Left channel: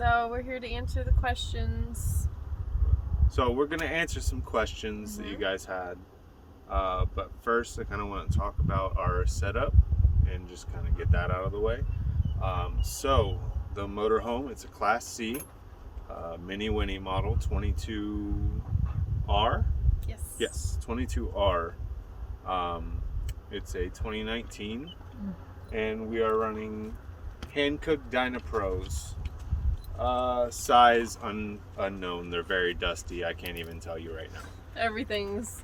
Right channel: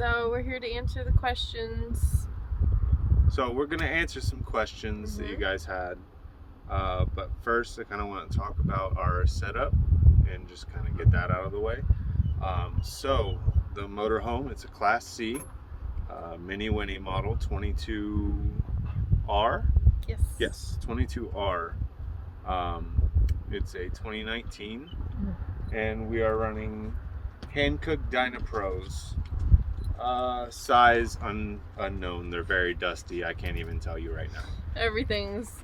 So we're here to answer the questions. So we're going to answer some questions that you guys had. But first, I kind of want to talk about our setup and just kind of get that out of the way. So the motorhome, it's a Class C Mini Winnie model 22R. Yes, 22R. It's a 2019, and we are running Hankook Dynapros. Size unknown. They're very dusty. I can't even tell you right now. Everything's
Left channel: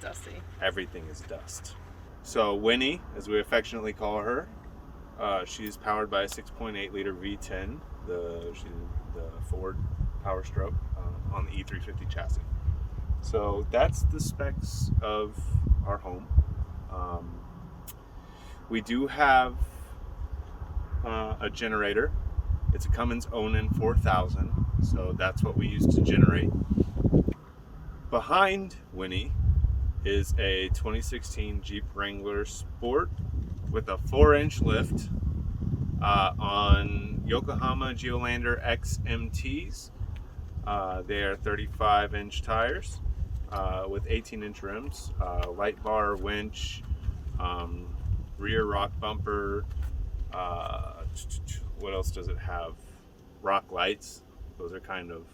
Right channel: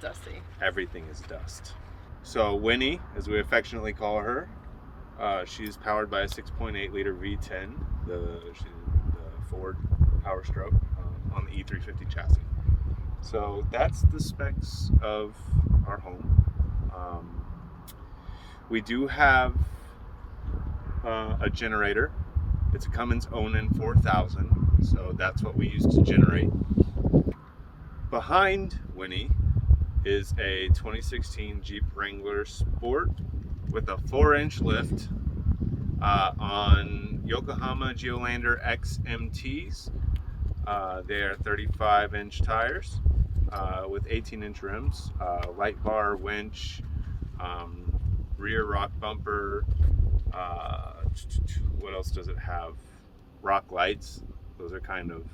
dusty. Everything is dust. So Winnie, as we affectionately call her, she's powered by a 6.8 liter V10, the Ford Power Stroke on the E350 chassis. So that's the specs of our home. We do have a generator. It's a Cummins Onan 4000, so that's what we use to generate. Behind Winnie is a 2016 Jeep Wrangler Sport with a 4-inch lift on Yokohama Geolandar XMTs. They are 35-inch tires with 18-inch rims, light bar, winch, rear rock bumper. What else does it have? Rock lights. Those are kind of.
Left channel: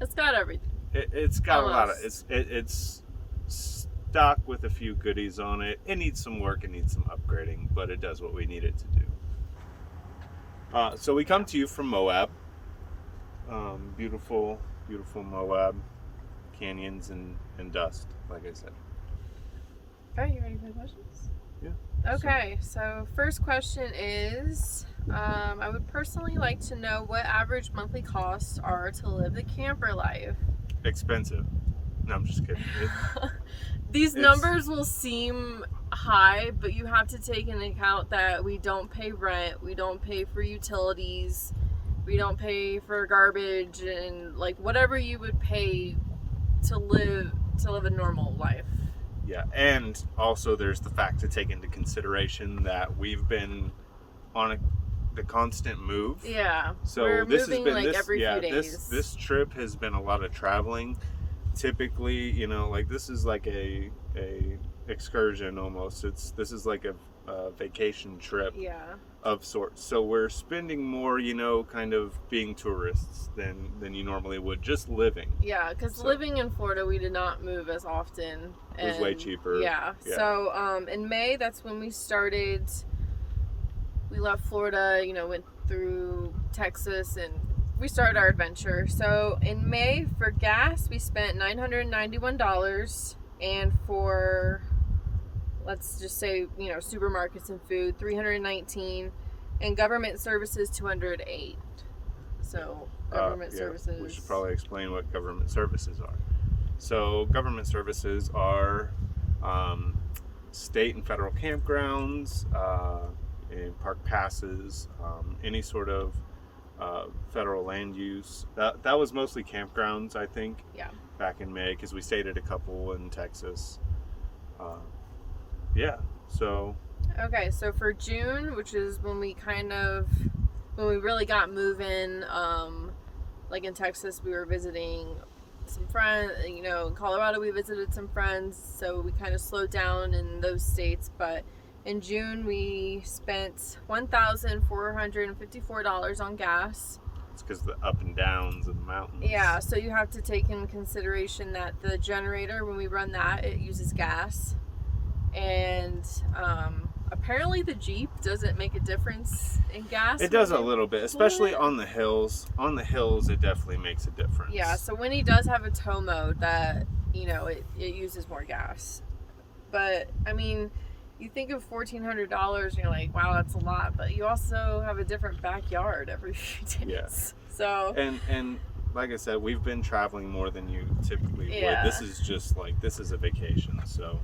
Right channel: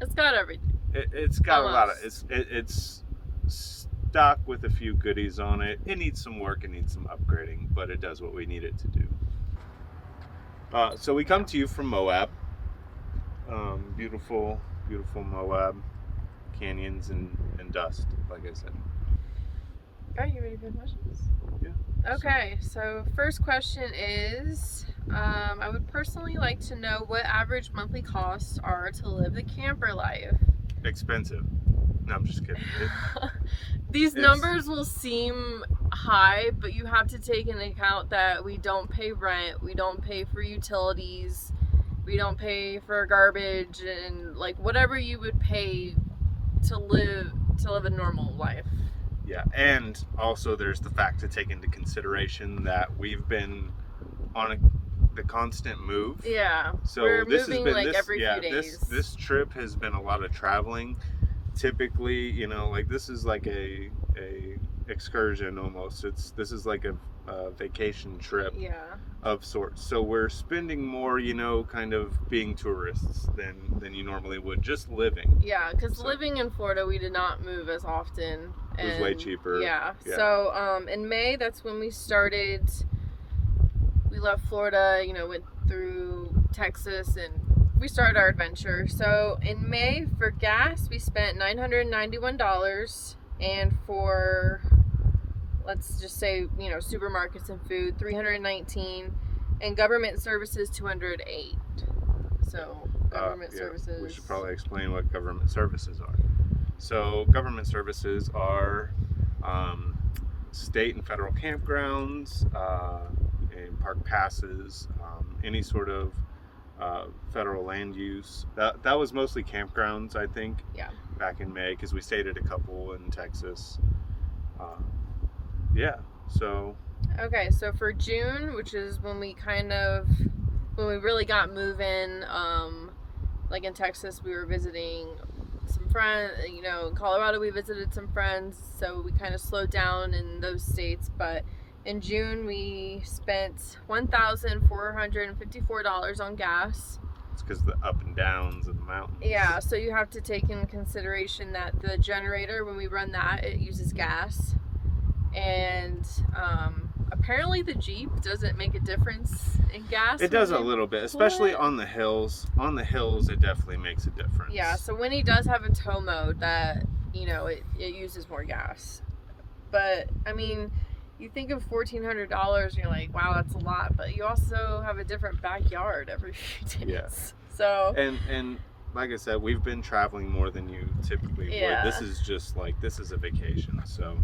It's got everything. It's got Almost. a lot of. It's stock with a few goodies on it. It needs some work. It needs some upgrading, but it does what we need it to do. So we come to you from Moab. Beautiful Moab, canyons and dust. Like I said. Are you ready for the questions? Yeah. Okay, so first question is, I would personally like to know what average monthly costs are to live the camper life. Expensive. No, I'm just kidding. These numbers will seem high, but you have to take into account that we don't pay rent, we don't pay for utilities, we don't pay for garbage, and like whatever you would pay to live a normal life. Yeah, and also there's the fact to take into consideration that we've been on the constant move. Yeah, so we're this moving has been like every few days. This trip has been a lot of traveling. Typically, like this is like a excursion almost. This is like a vacation trip of sorts. So we're spending more, kind of being tourists than you normally would, just living. Yeah, because living in Florida, we did not move as often. It was way cheaper. Yeah. So in May, that's when we started. We left Florida, went through Texas, and we started our adventure. So in May, for gas, we spent $991, and for, let's just say, supermarkets and food, $319, and government services, $208. So government services. We should probably explain what government services are. So government services are state and federal campgrounds, and park passes, any sort of federal land use. That was mostly campgrounds, I think. Yeah. Back in May, because we stayed at a couple in Texas. So. Okay, so for June, which is when we really got moving, like in Texas, we were visiting some friends, in Colorado we visited some friends, so we kind of slowed down in those states, but in June we spent $1,454 on gas. It's because of the up and downs of the mountains. Yeah, so you have to take in consideration that the generator, when we run that, it uses gas, and apparently the Jeep doesn't make a difference in gas. It does a little bit, especially on the hills. On the hills, it definitely makes a difference. Yeah, so Winnie does have a tow mode that, it uses more gas. But, I mean, you think of $1,400 and you're like, wow, that's a lot. But you also have a different backyard every few days. Yeah. So. And like I said, we've been traveling more than you typically would. This is just this is a vacation, so.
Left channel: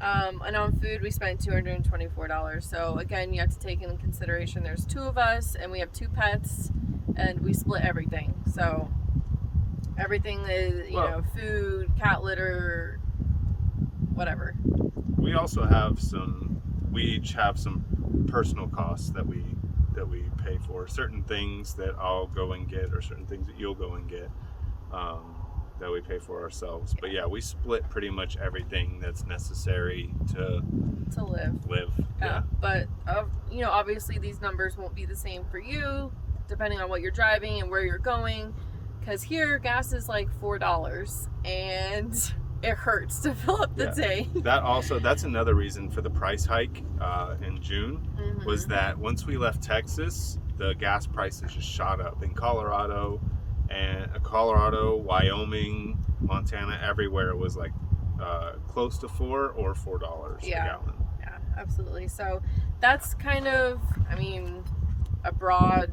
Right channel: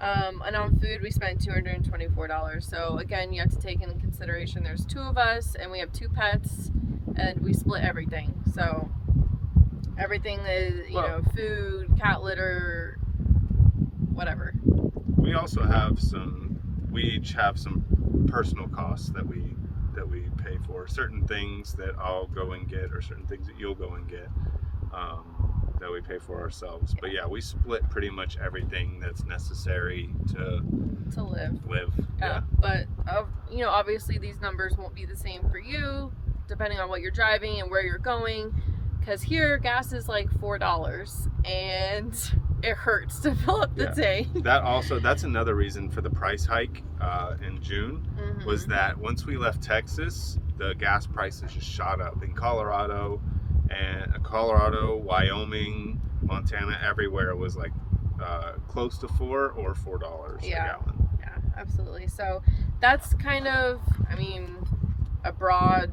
And on food, we spent $224. So again, you have to take into consideration there's two of us and we have two pets, and we split everything. So everything is, food, cat litter, whatever. We also have we each have some personal costs that we that we pay for. Certain things that I'll go and get, or certain things that you'll go and get, that we pay for ourselves. But yeah, we split pretty much everything that's necessary to live. Yeah. But you know, obviously these numbers won't be the same for you, depending on what you're driving and where you're going. Because here, gas is like $4, and it hurts to fill up the tank. That's another reason for the price hike in June, was that once we left Texas, the gas prices just shot up in Colorado, Wyoming, Montana, everywhere was like close to $4 or $4 a gallon. Yeah, absolutely. So that's kind of, I mean, a broad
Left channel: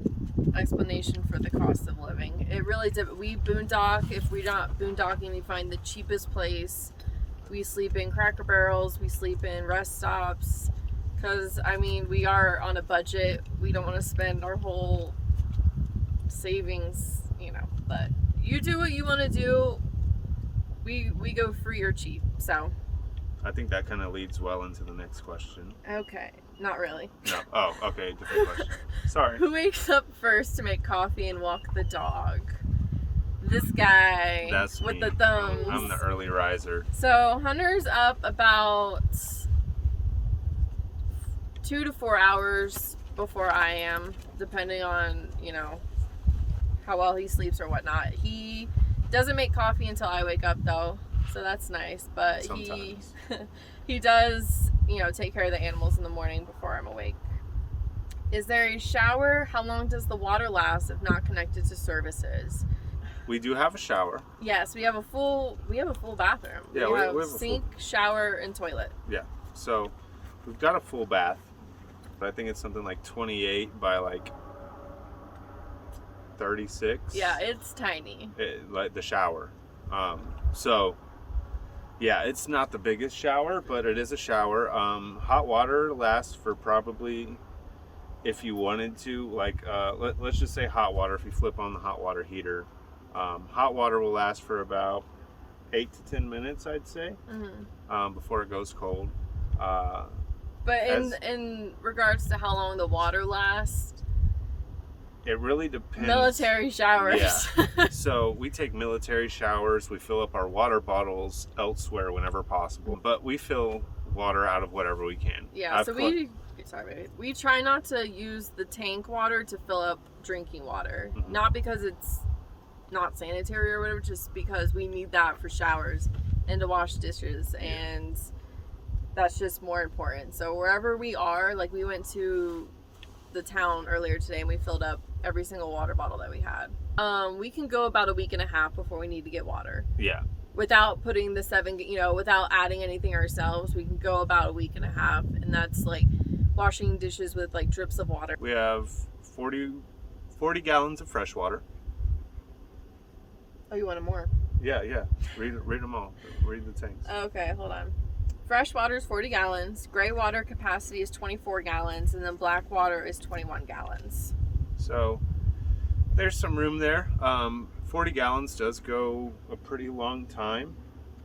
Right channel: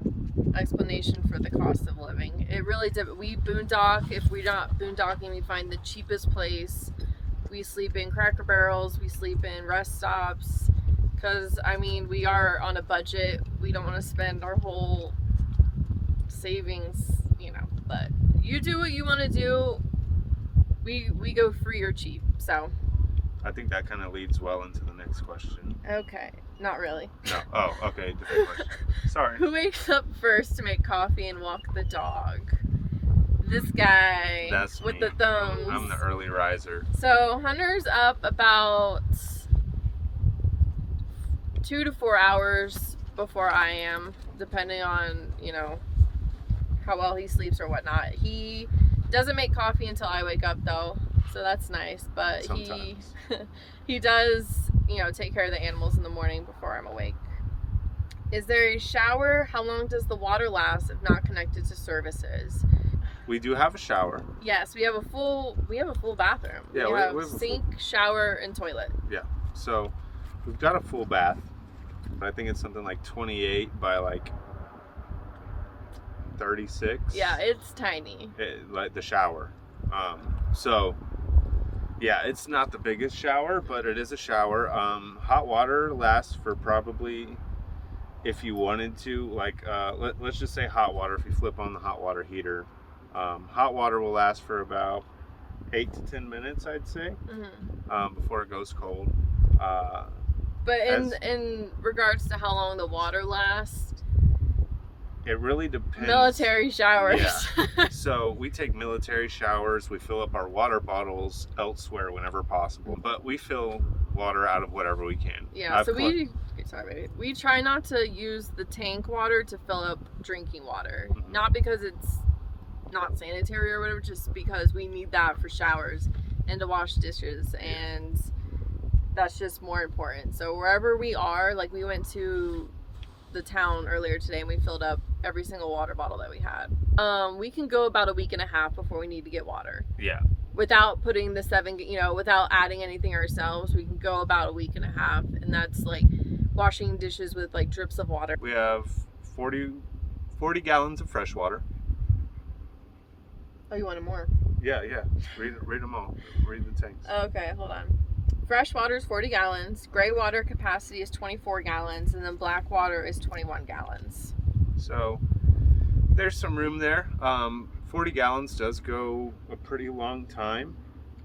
explanation for the cost of living. It really did. We boondock. If we're not boondocking, we find the cheapest place. We sleep in Cracker Barrels. We sleep in rest stops. Because, I mean, we are on a budget. We don't want to spend our whole savings, you know. But you do what you want to do. We go free or cheap. So I think that kind of leads well into the next question. okay. Not really. No. Oh, okay. Different question. Sorry. Who wakes up first to make coffee and walk the dog? This guy. That's with me. the thumbs. I'm the early riser. So Hunter's up about 2 to 4 hours before I am, depending on, you know, how well he sleeps or whatnot. He doesn't make coffee until I wake up though, so that's nice. But Sometimes. he does, you know, take care of the animals in the morning before I'm awake. Is there a shower? How long does the water last if not connected to services? We do have a shower. Yes, we have a full bathroom. Yeah, we have a sink, shower, and toilet. Yeah. So we've got a full bath, but I think it's something like 28 by like 36. Yeah, it's tiny. Like the shower. So yeah, it's not the biggest shower, but it is a shower. Hot water lasts for probably, if you wanted to, like, let's just say hot water. If you flip on the hot water heater, hot water will last for about 8 to 10 minutes, I'd say, before it goes cold. But in regards to how long the water lasts, it really depends. Military showers. Yeah. So we take military showers. We fill up our water bottles elsewhere whenever possible, but we fill water out of whatever we can. Yeah. We try not to use the tank water to fill up drinking water. Not because it's not sanitary or whatever, just because we need that for showers and to wash dishes, and that's just more important. So wherever we are, like we went to the town earlier today and we filled up every single water bottle that we had. We can go about a week and a half before we need to get water. Yeah. Without putting the 7, you know, without adding anything ourselves, we can go about a week and a half, and that's like washing dishes with like drips of water. We have 40 gallons of fresh water. Oh, you wanted more? Yeah. Read them all. Read the tanks. Okay, hold on. Fresh water is 40 gallons. Gray water capacity is 24 gallons. And then black water is 21 gallons. So there's some room there. 40 gallons does go a pretty long time.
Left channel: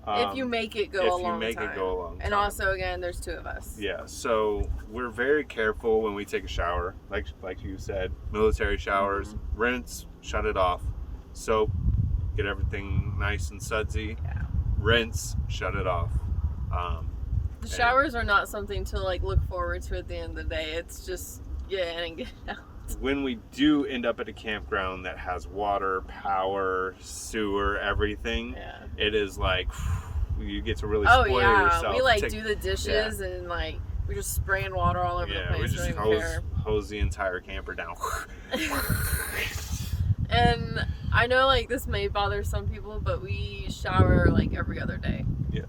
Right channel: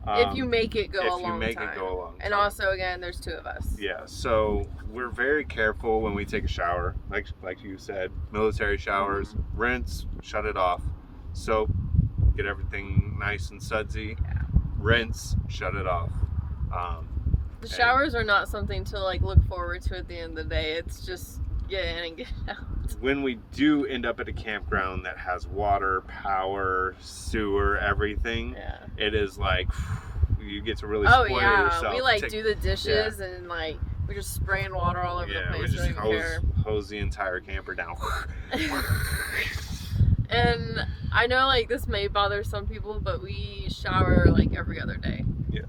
If you make it go a long time. If you make it go a long time. And also, again, there's 2 of us. Yeah, so we're very careful when we take a shower. Like you said, military showers, rinse, shut it off. Soap, get everything nice and sudsy. Yeah. Rinse, shut it off. The showers are not something to like look forward to at the end of the day. It's just get in and get out. When we do end up at a campground that has water, power, sewer, everything, it is like you get to really spoil yourself. We like do the dishes and like we're just spraying water all over the place. We just hose the entire camper down. And I know like this may bother some people, but we shower like every other day. Yeah.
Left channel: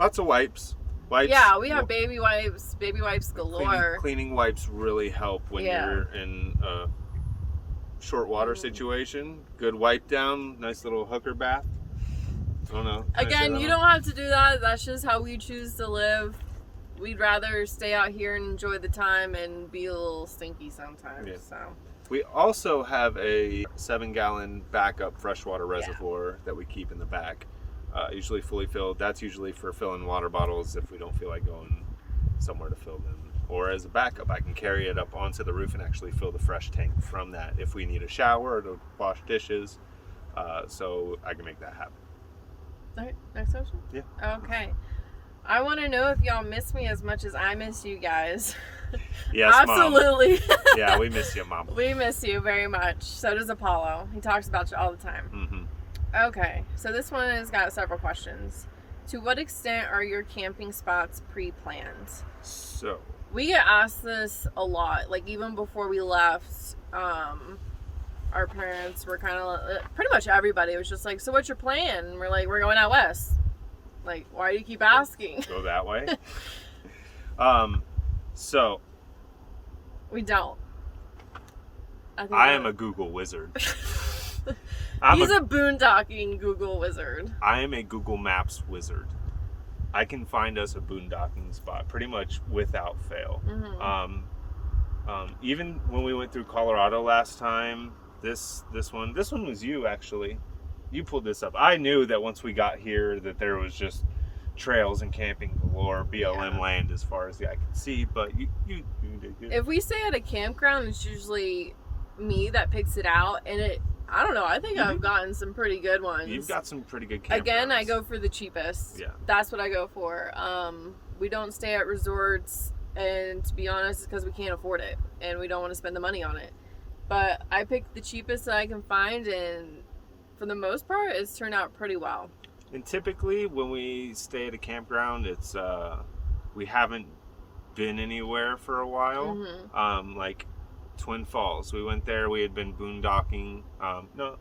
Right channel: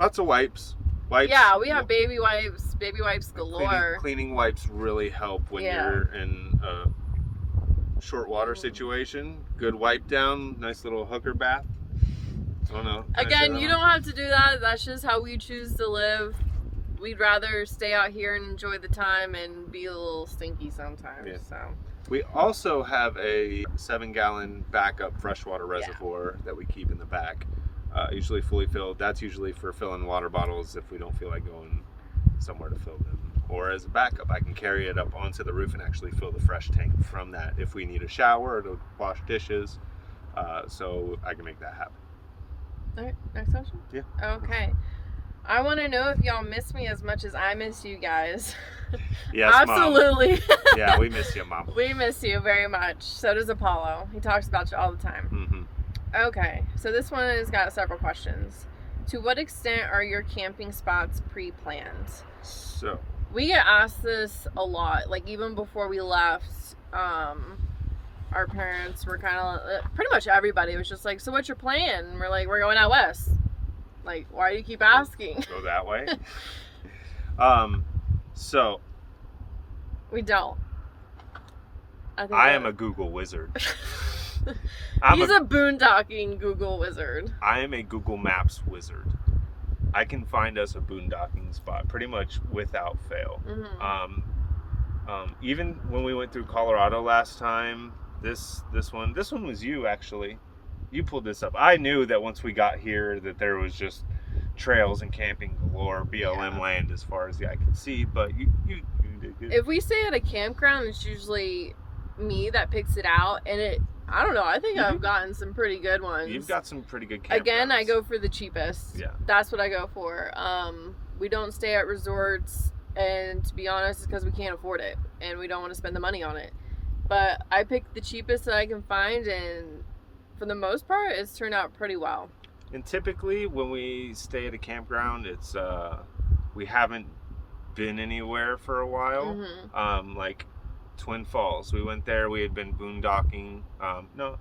Lots of wipes. Yeah, we have baby wipes galore. Cleaning wipes really help when you're in a short water situation. Good wipe down, nice little hooker bath. I don't know. Again, you don't have to do that. That's just how we choose to live. We'd rather stay out here and enjoy the time and be a little stinky sometimes. Yeah. So. We also have a 7-gallon backup freshwater reservoir that we keep in the back. Usually fully filled. That's usually for filling water bottles if we don't feel like going somewhere to fill them. or as a backup, I can carry it up onto the roof and actually fill the fresh tank from that if we need a shower or to wash dishes. So I can make that happen. All right, next question? Yeah. Okay. I want to know if y'all miss me as much as I miss you guys. Yes, Absolutely. Mom. Yeah, we miss you, Mom. We miss you very much. So does Apollo. He talks about you all the time. Mm-hmm. Okay, so this one has got several questions. To what extent are your camping spots pre-planned? So We get asked this a lot. Like, even before we left, our parents were kind of, pretty much everybody was just like, so what's your plan? And we're like, we're going out west. Like, why do you keep asking? go that way. So We don't. I am a Google wizard. He's a boondocking Google wizard. I am a Google Maps wizard. I can find us a boondocking spot pretty much without fail. Mm-hmm. Even when we went through Colorado last time, this one was you actually. You pulled this up. I knew that once we got here that there was just trails and camping galore, BLM land as far as the eye could see, but you did good. If we stay at a campground, it's usually me that picks it out, and I don't know, I think I've gotten some pretty good ones. You've got some pretty good campgrounds. Again, I go for the cheapest. Yeah. That's what I go for. We don't stay at resorts, and to be honest, it's because we can't afford it, and we don't want to spend the money on it. But I pick the cheapest that I can find, and for the most part, it's turned out pretty well. And typically, when we stay at a campground, it's we haven't been anywhere for a while. Mm-hmm. Like Twin Falls, we went there. We had been boondocking. No,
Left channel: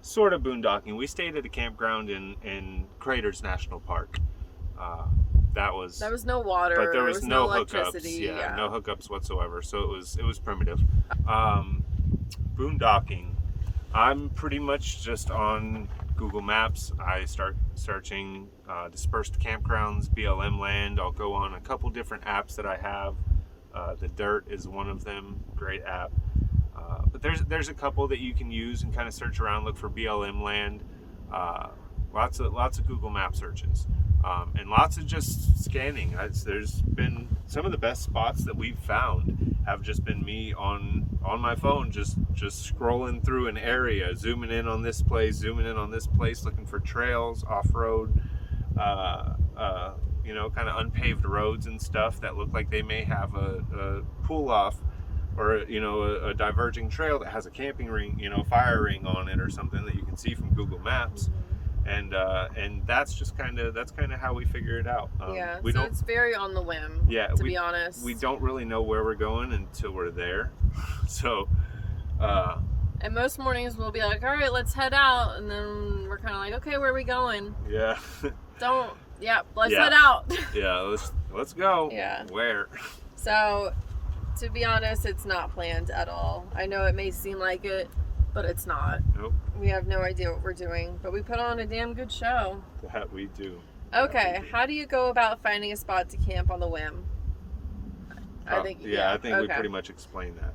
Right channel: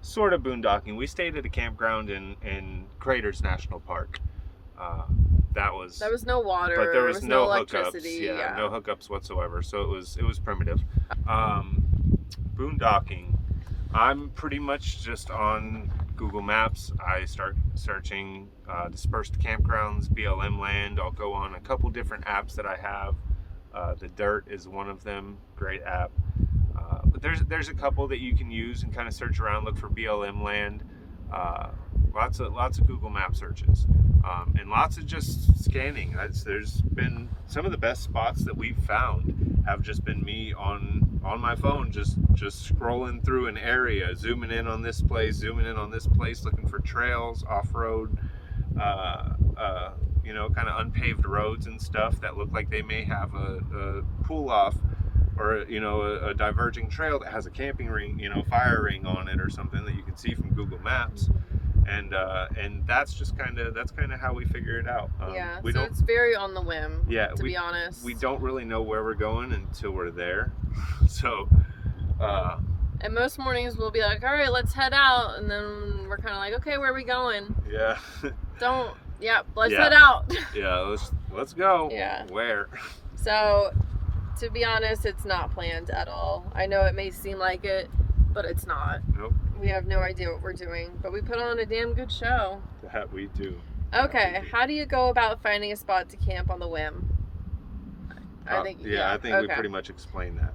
sort of boondocking. We stayed at a campground in Craters National Park. That was no water, but there was no electricity. hookups. Yeah, no hookups whatsoever. So it was primitive. Boondocking. I'm pretty much just on Google Maps. I start searching dispersed campgrounds, BLM land. I'll go on a couple different apps that I have. The Dirt is one of them. Great app. But there's a couple that you can use and kind of search around, look for BLM land. Lots of Google Map searches, and lots of just scanning. There's been some of the best spots that we've found have just been me on my phone, just scrolling through an area, zooming in on this place, looking for trails, off-road, kind of unpaved roads and stuff that look like they may have a pull off or a diverging trail that has a camping ring, fire ring on it or something that you can see from Google Maps. And that's kind of how we figure it out. It's very on the whim. Yeah, to be honest, we don't really know where we're going until we're there. So, and most mornings we'll be like, all right, let's head out, and then we're kind of like, okay, where are we going? Yeah. Let's head out. Yeah, let's go. Yeah. Where? So, to be honest, it's not planned at all. I know it may seem like it, but it's not. Nope. We have no idea what we're doing, but we put on a damn good show. That we do. Okay, how do you go about finding a spot to camp on the whim? I think we pretty much explained that.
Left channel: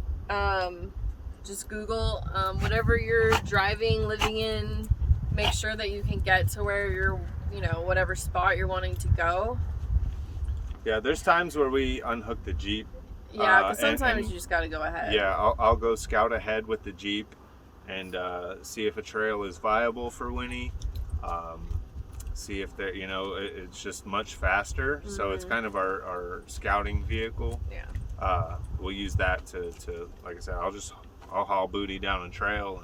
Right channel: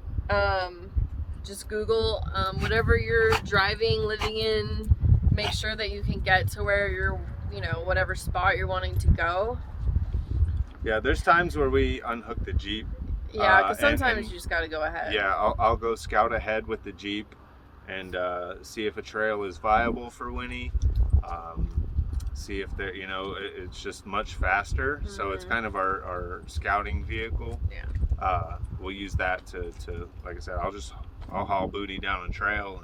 Just Google whatever you're driving, living in. Make sure that you can get to where you're, whatever spot you're wanting to go. Yeah, there's times where we unhook the Jeep. Yeah, because sometimes you just got to go ahead. Yeah, I'll go scout ahead with the Jeep and see if a trail is viable for Winnie. See if they're, it's just much faster. Mm-hmm. So it's kind of our scouting vehicle. Yeah. We'll use that to like I said, I'll haul booty down a trail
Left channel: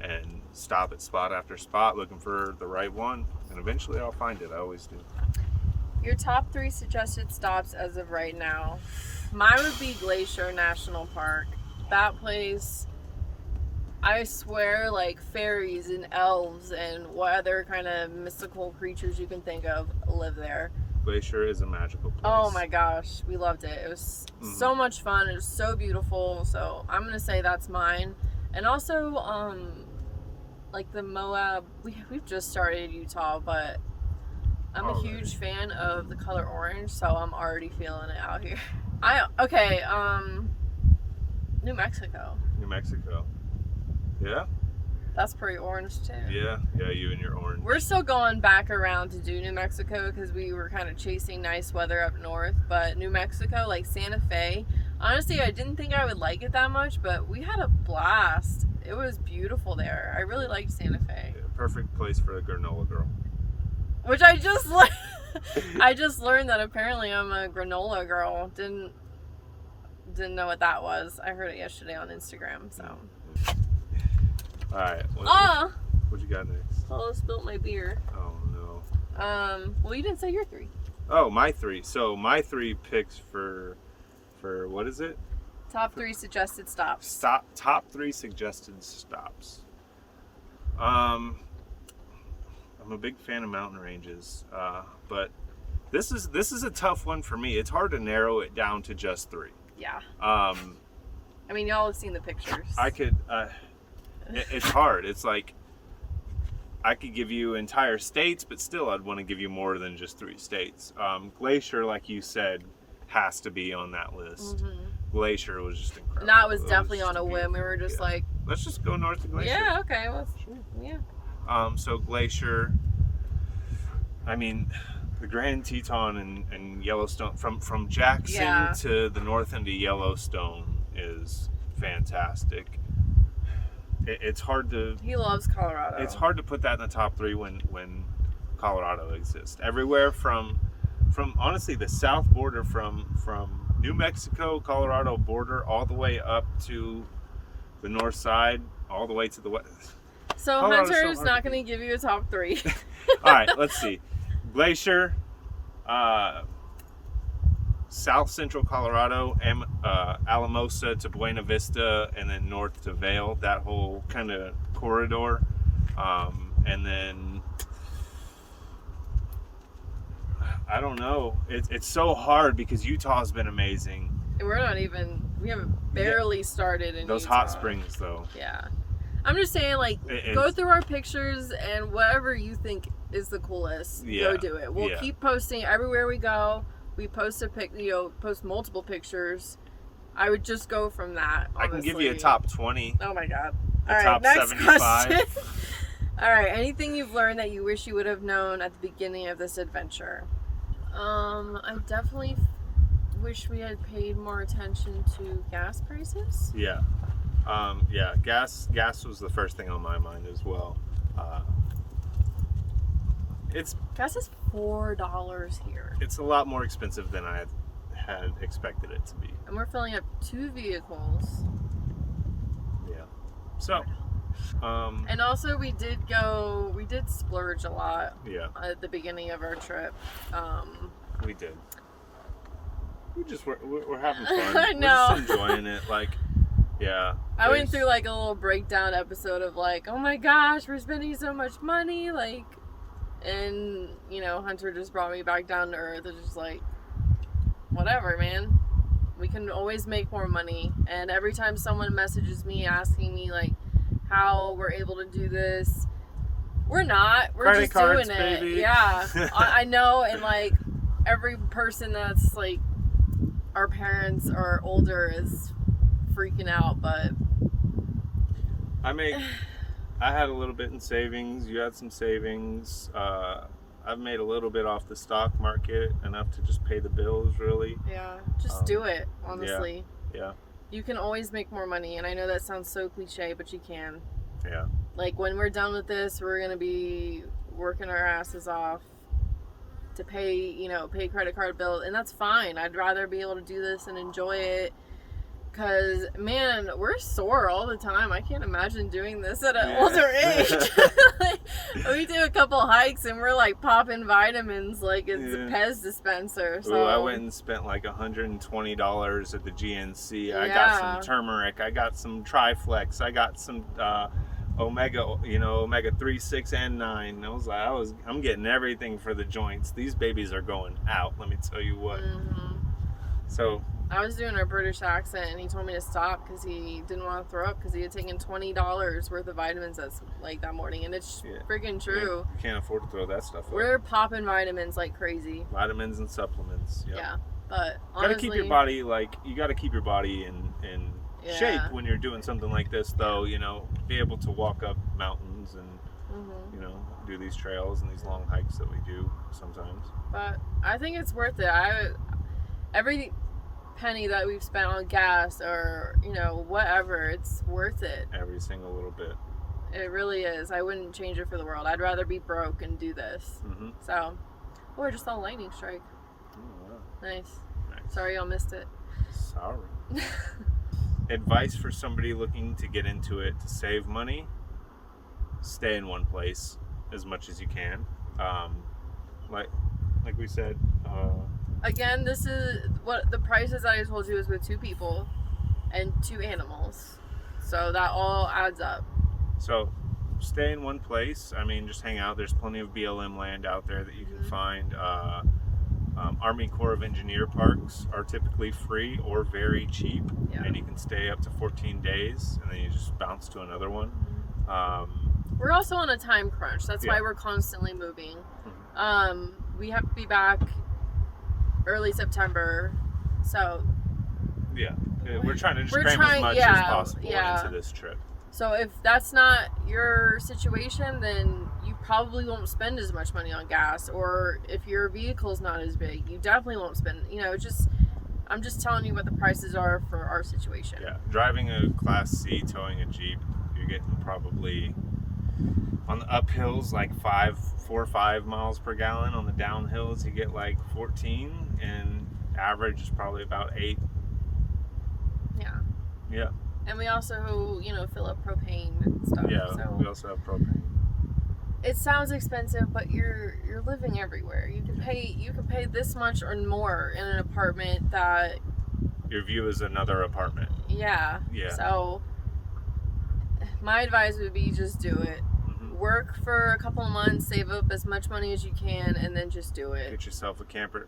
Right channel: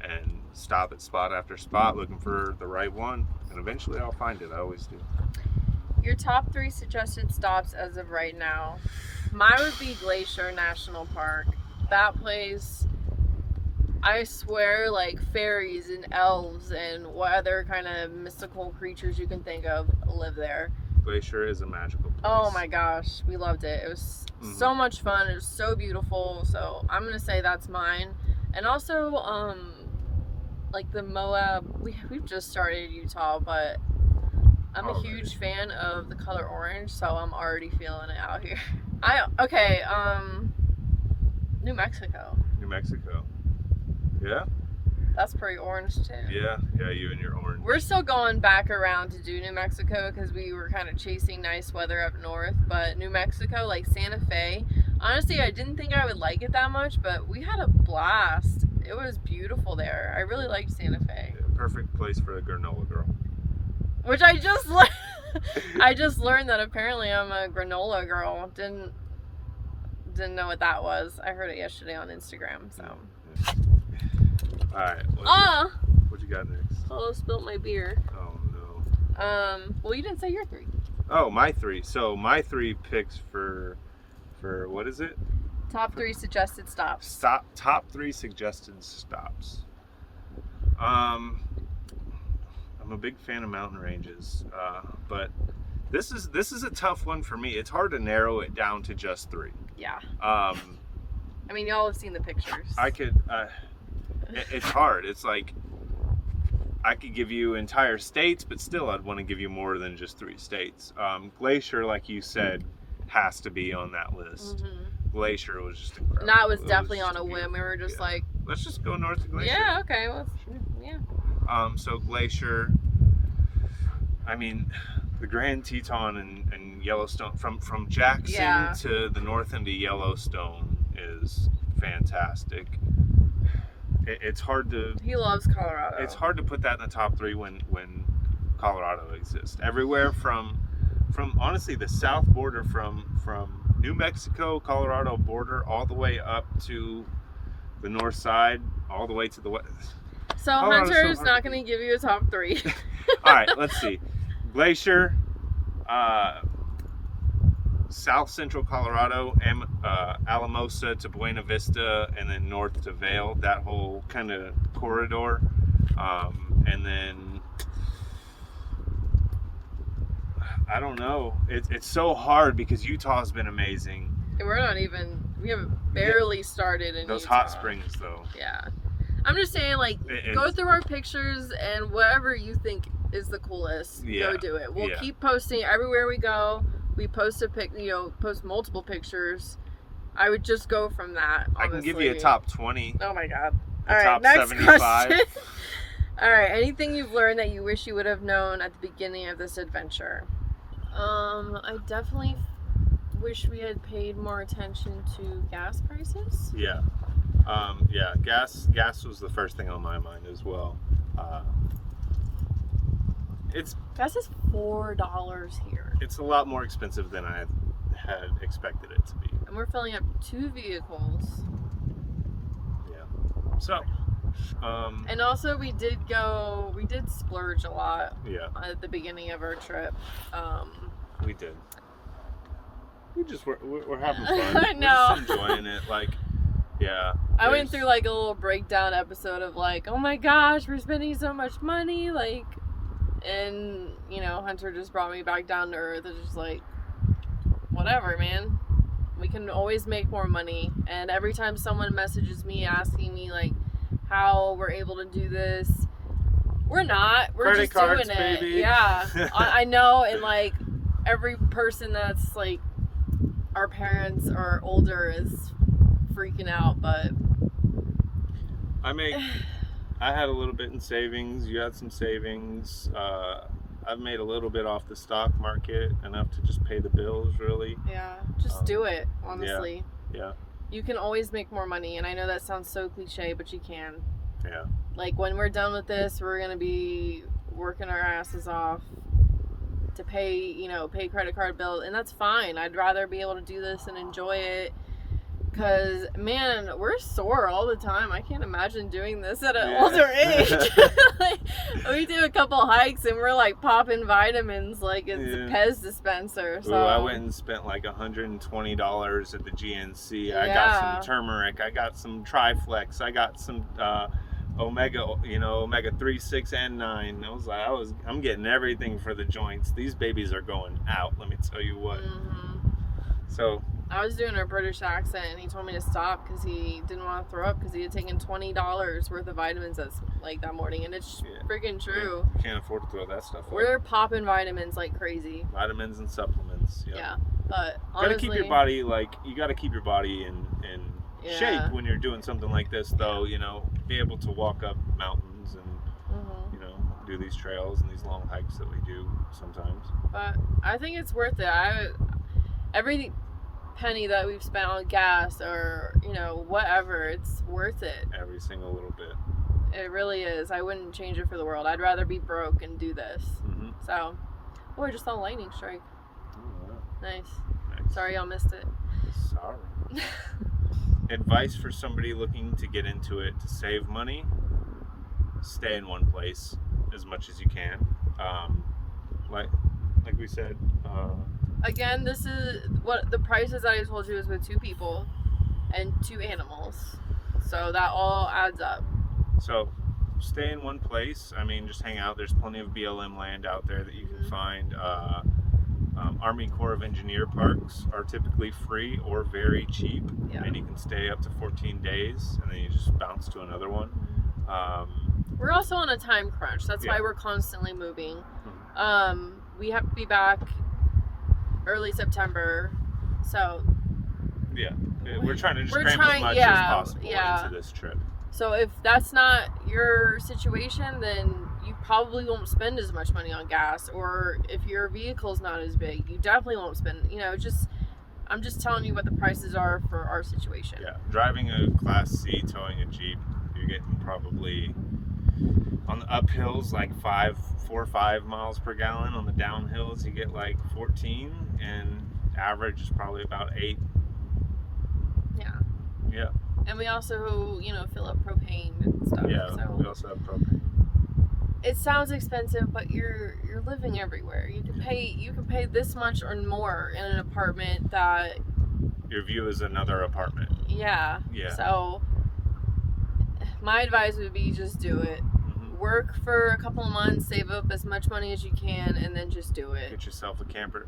and stop at spot after spot looking for the right one. And eventually I'll find it. I always do. Your top 3 suggested stops as of right now. Mine would be Glacier National Park. That place, I swear, like fairies and elves and what other kind of mystical creatures you can think of live there. Glacier is a magical place. Oh my gosh, we loved it. It was so much fun. It was so beautiful. So I'm gonna say that's mine. And also, like the Moab. We've just started Utah, but I'm a huge fan of the color orange, so I'm already feeling it out here. New Mexico. New Mexico. Yeah. That's pretty orange too. Yeah, you and your orange. We're still going back around to do New Mexico because we were kind of chasing nice weather up north. But New Mexico, like Santa Fe, honestly, I didn't think I would like it that much, but we had a blast. It was beautiful there. I really liked Santa Fe. Yeah, perfect place for a granola girl. Which I just learned. I just learned that apparently I'm a granola girl. Didn't know what that was. I heard it yesterday on Instagram. So. All right. What you got next? Oh, spilled my beer. Oh no. Well, you didn't say your 3. Oh, my 3. So my 3 picks for what is it? Top 3 suggested stops. Top 3 suggested stops. I'm a big fan of mountain ranges, but this is a tough one for me. It's hard to narrow it down to just 3. Yeah. I mean, y'all have seen the pictures. I could. It's hard. It's like I could give you entire states, but still, I'd want to give you more than just 3 states. Glacier, like you said, has to be on that list. Mm-hmm. Glacier was just incredible. That was definitely on a whim. We were just Yeah. like, let's just go north of Glacier. yeah, okay, well, Sure. yeah. So Glacier, I mean, the Grand Teton and Yellowstone, from Jackson to the north end of Yellowstone is fantastic. It's hard to. He loves Colorado. It's hard to put that in the top 3 when Colorado exists. Everywhere from honestly the south border from New Mexico, Colorado border all the way up to the north side, all the way to the west. So Colorado's Hunter's so not hard to going to give you a top 3. All right, let's see. Glacier, South Central Colorado, Alamosa to Buena Vista, and then north to Vail. That whole kind of corridor, and then I don't know. It's so hard because Utah's been amazing. We haven't barely started in Those Utah. hot springs, though. Yeah. I'm just saying, like, go It's- through our pictures and whatever you think is the coolest, Yeah, go do it. We'll yeah. keep posting everywhere we go. We post post multiple pictures. I would just go from that. Honestly. I can give you a top 20. Oh my god. A All right, top next 75. question. All right, anything you've learned that you wish you would have known at the beginning of this adventure? I definitely wish we had paid more attention to gas prices. Yeah. Yeah, gas was the first thing on my mind as well. Gas is $4 here. It's a lot more expensive than I had expected it to be. And we're filling up 2 vehicles. Yeah. So, And also we did splurge a lot yeah, at the beginning of our trip. we did. We're having fun. I know. We're just enjoying it. Like, yeah. I went through like a little breakdown episode of like, oh my gosh, we're spending so much money, like, and you know, Hunter just brought me back down to earth. It's just like, whatever, man. We can always make more money. And every time someone messages me asking me like how we're able to do this, we're not. We're Credit just cards, doing it. baby. Yeah, I know. And like every person that's like our parents or older is freaking out, but I had a little bit in savings. You had some savings. I've made a little bit off the stock market, enough to just pay the bills, really. yeah, just do it, honestly. Yeah. You can always make more money, and I know that sounds so cliche, but you can. Yeah. Like, when we're done with this, we're going to be working our asses off to pay credit card bills, and that's fine. I'd rather be able to do this and enjoy it, because, man, we're sore all the time. I can't imagine doing this at an older age. Like, we do a couple hikes, and we're, like, popping vitamins like it's a Pez dispenser. So. Ooh, I went and spent like $120 at the GNC. I got Yeah. some turmeric. I got some Triflex. I got some omega 3, 6, and 9. I'm getting everything for the joints. These babies are going out, let me tell you what. Mm-hmm. So I was doing a British accent, and he told me to stop because he didn't want to throw up because he had taken $20 worth of vitamins that morning, and it's freaking true. you can't afford to throw that stuff up. We're popping vitamins like crazy. Vitamins and supplements. Yep. Yeah, but You gotta honestly, keep your body, like, you gotta keep your body in Yeah. shape when you're doing something like this, though. You know, be able to walk up mountains and you know, do these trails and these long hikes that we do sometimes. But I think it's worth it. Every penny that we've spent on gas or, you know, whatever, it's worth it. Every single little bit. It really is. I wouldn't change it for the world. I'd rather be broke and do this. Mm-hmm. So, oh, I just saw a lightning strike. Oh, wow. Nice. Nice. Sorry y'all missed it. Sorry. Advice for somebody looking to get into it to save money: stay in one place as much as you can. Like we said. Again, this is what the prices I told you is with 2 people and 2 animals. So that all adds up. So stay in one place. I mean, just hang out. There's plenty of BLM land out there that you can find. Army Corps of Engineer parks are typically free or very cheap, and you can stay up to 14 days, and then you just bounce to another one. We're also on a time crunch. That's why we're constantly moving. We have to be back early September, so yeah, we're trying to just we're cram trying- as much yeah, as possible yeah. into this trip. So if that's not your situation, then you probably won't spend as much money on gas. Or if your vehicle's not as big, you definitely won't spend. You know, I'm just telling you what the prices are for our situation. Yeah, driving a Class C, towing a Jeep, you're getting probably on the uphills like 4 or 5 miles per gallon. On the downhills, you get like 14, and average is probably about 8. Yeah. Yeah. And we also, you know, fill up propane and stuff. Yeah, So we also have propane. it sounds expensive, but you're living everywhere. You can pay this much or more in an apartment that Your view is another apartment. yeah. Yeah. So my advice would be just do it. Work for a couple of months, save up as much money as you can, and then just do it. Get yourself a camper.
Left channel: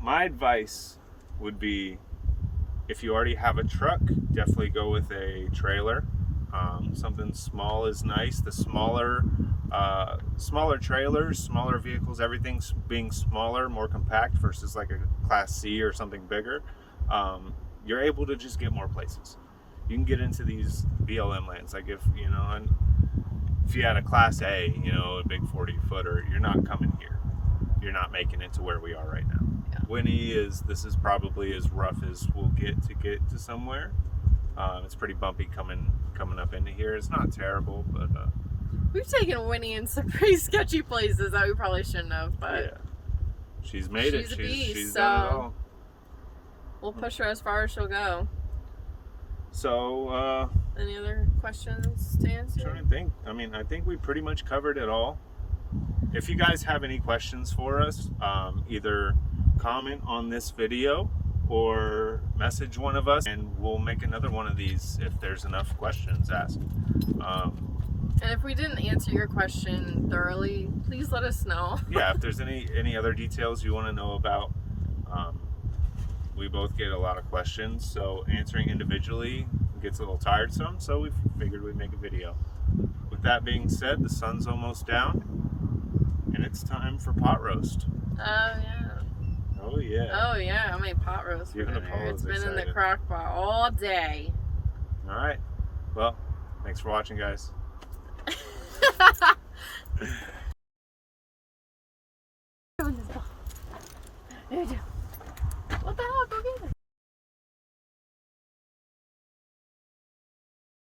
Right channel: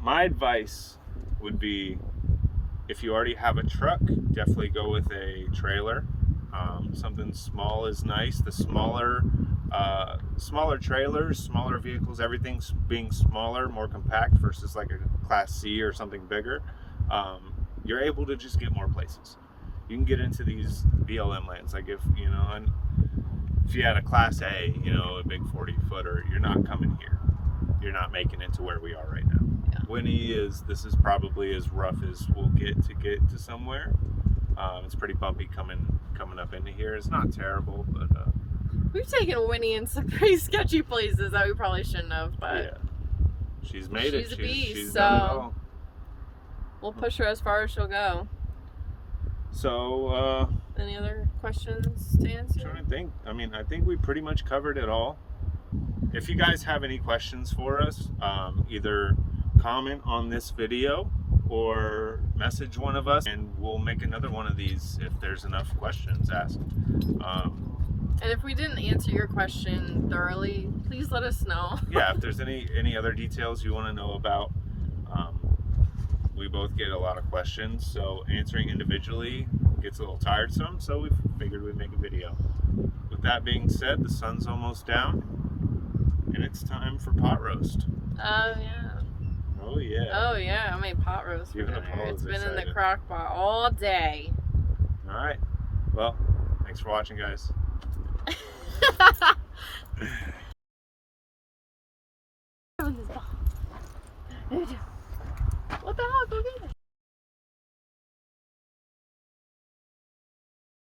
My advice would be, if you already have a truck, definitely go with a trailer. Something small is nice. The smaller trailers, smaller vehicles, everything's being smaller, more compact versus like a Class C or something bigger. You're able to just get more places. You can get into these BLM lands. Like if you had a Class A, you know, a big 40-footer, you're not coming here. You're not making it to where we are right now. Yeah. Winnie this is probably as rough as we'll get to somewhere. It's pretty bumpy coming up into here. It's not terrible, but we've taken Winnie in some pretty sketchy places that we probably shouldn't have, but yeah, she's made it. She's a beast, She's so done it all. we'll push her as far as she'll go. So Any other questions to answer? trying to think. I mean, I think we pretty much covered it all. If you guys have any questions for us, either comment on this video or message one of us, and we'll make another one of these if there's enough questions asked. And if we didn't answer your question thoroughly, please let us know. Yeah, if there's any other details you want to know about, we both get a lot of questions, so answering individually gets a little tiresome, so we figured we'd make a video. With that being said, the sun's almost down, and it's time for pot roast. Oh yeah. Oh yeah. Oh yeah, I made pot roast for Even dinner. Apollo's It's been in the excited. crock pot all day. All right. Well, thanks for watching, guys. What the hell? Go get it.